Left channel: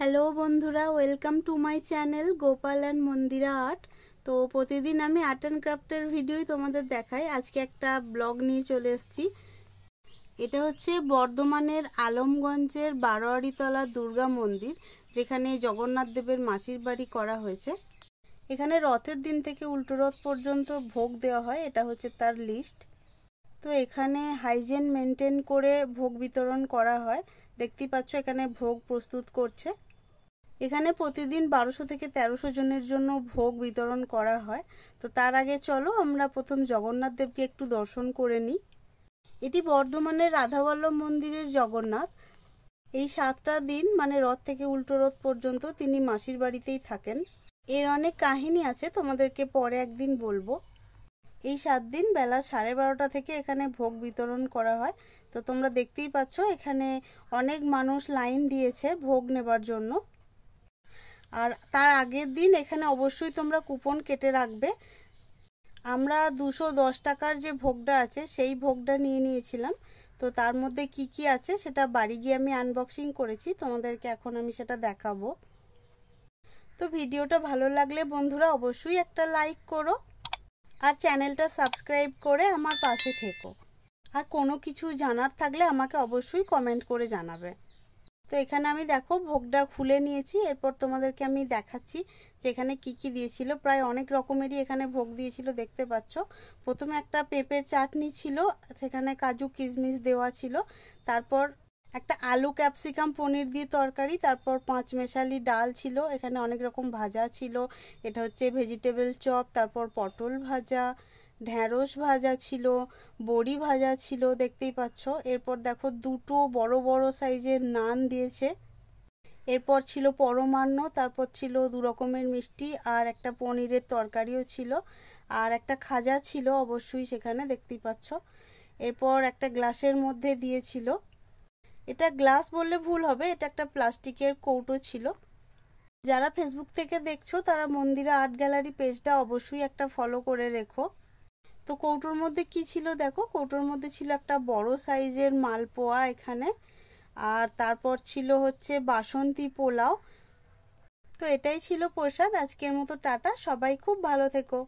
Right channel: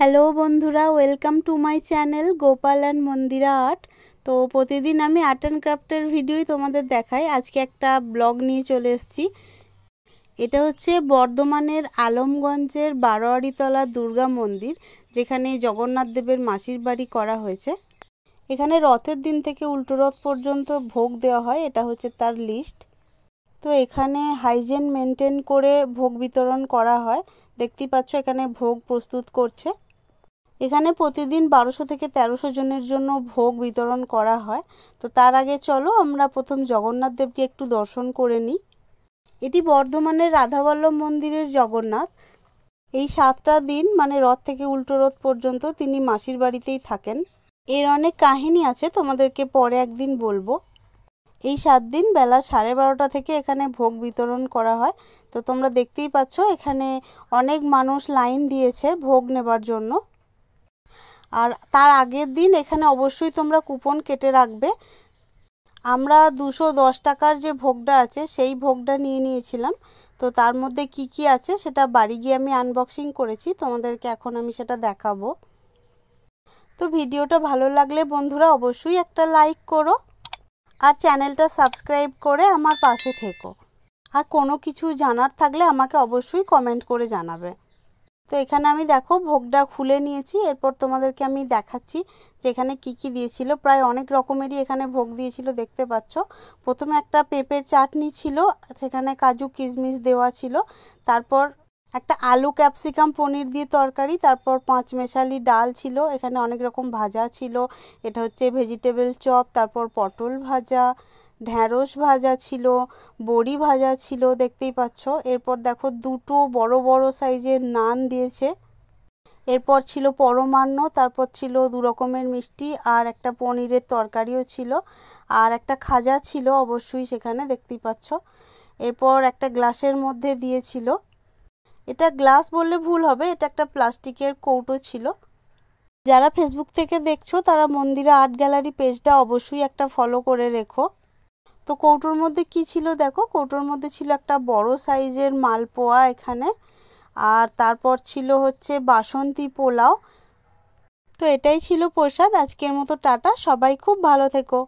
Hello বন্ধুরা, welcome to my channel Gopal and Mandira art. তো প্রতিদিন আমি আর্ট অ্যান্ড ক্রাফটের ভিডিওই তোমাদের দেখাই। আজকে একটা ব্লগ নিয়ে চলে এসেছি। এটা হচ্ছে বর্ধমানের আলমগঞ্জের বারোয়ারিতলা দুর্গা মন্দির, যেখানে জগন্নাথ দেবের মাসির বাড়ি করা হয়েছে। এখানে রথের দিন থেকে উল্টো রথ পর্যন্ত ভোগ দেওয়া হয়, এটা হচ্ছে তার লিস্ট। তো এখানে হাইজিন মেনটেন করে ভোগ বিতরণ করা হয়। দেখতেই পাচ্ছ এখানে ভোগ প্রস্তুত করছে। এখানে প্রতিদিন 1200 থেকে 1300 জনের জন্য ভোগ বিতরণ করা হয়। তো তার আগে চলো আমরা প্রথম জগন্নাথ দেবকে একটু দর্শন করে নিই। এটি বর্ধমানের রাধাবল্লভ মন্দিরের জগন্নাথ। এই 7টা দিন মানে রথ থেকে উল্টো রথ পর্যন্ত তিনি মাসির বাড়িতেই থাকেন। এর অনেক কাহিনী আছে, তোমাদেরকে পরে একদিন বলবো। এই 7 দিন বেলা 12:30 থেকে এখানে ভোগ বিতরণ করা হয়। তো তোমরা দেখতেই পাচ্ছ এখানে অনেক মানুষ লাইন দিয়েছে ভোগ নেবার জন্য। আর তার আগের দিন এখানে অবশ্যই তোমরা কুপন কেটে রাখবে। আমরা 210 টাকার যে ভোগটা আছে সেই ভোগটা নিয়ে নিয়েছিলাম। তো তার মধ্যে কি কি আছে সেটা বাড়ি গিয়ে আমি আনবক্সিং করেছি, তোমাদেরকে এখন আমি সেটা দেখাবো। তো ভিডিওটা ভালো লাগলে বন্ধুরা অবশ্যই একটা লাইক করো আর চ্যানেলটা সাবস্ক্রাইব করে আমার পাশে থেকো। আর কোনো কিছু জানার থাকলে আমাকে অবশ্যই কমেন্ট করে জানাবে। তো এখানে আমি দেখো ভোগটা খুলে নিয়েছি, এরপর তোমাদেরকে আমি দেখাচ্ছি যে এখানে কি কি দিয়েছিল। প্রায় অনেক রকমেরই এখানে ভোগ দিয়েছিল, দেখতে পাচ্ছ। প্রথমে একটা পেঁপের চাটনি ছিল, সেখানে কাজু কিশমিশ দেওয়া ছিল। তারপর একটা আলু ক্যাপসিকাম পনির দিয়ে তরকারি, তারপর 5 মেশালি ডাল ছিল, এখানে অনেক রকম ভাজা ছিল। এটা হচ্ছে ভেজিটেবল চপ, তারপর পটল ভাজা, ঢ্যাঁড়স ভাজা ছিল, বড়ি ভাজা ছিল, দেখতেই পাচ্ছ। এরপর দেখো দুটো বড় বড় সাইজের নান দিয়েছে। এরপর ছিল পরমান্ন, তারপর ছিল 2 রকমের মিষ্টি, আর একটা পনিরের তরকারিও ছিল, আর একটা খাজা ছিল অবশ্যই সেখানে, দেখতেই পাচ্ছ। এরপর একটা গ্লাসের মধ্যে দিয়েছিল, এটা গ্লাস বললে ভুল হবে, এটা একটা প্লাস্টিকের কৌটো ছিল। যারা ফেসবুক থেকে দেখছো তারা মন্দিরা আর্ট গ্যালারি পেজটা অবশ্যই একটা ফলো করে রেখো। তো কৌটোর মধ্যে কি ছিল দেখো, কৌটোর মধ্যে ছিল একটা বড় সাইজের মালপোয়া এখানে, আর তারপর ছিল হচ্ছে বাসন্তী পোলাও। তো এটাই ছিল প্রসাদ। আজকের মতো টাটা, সবাই খুব ভালো থেকো।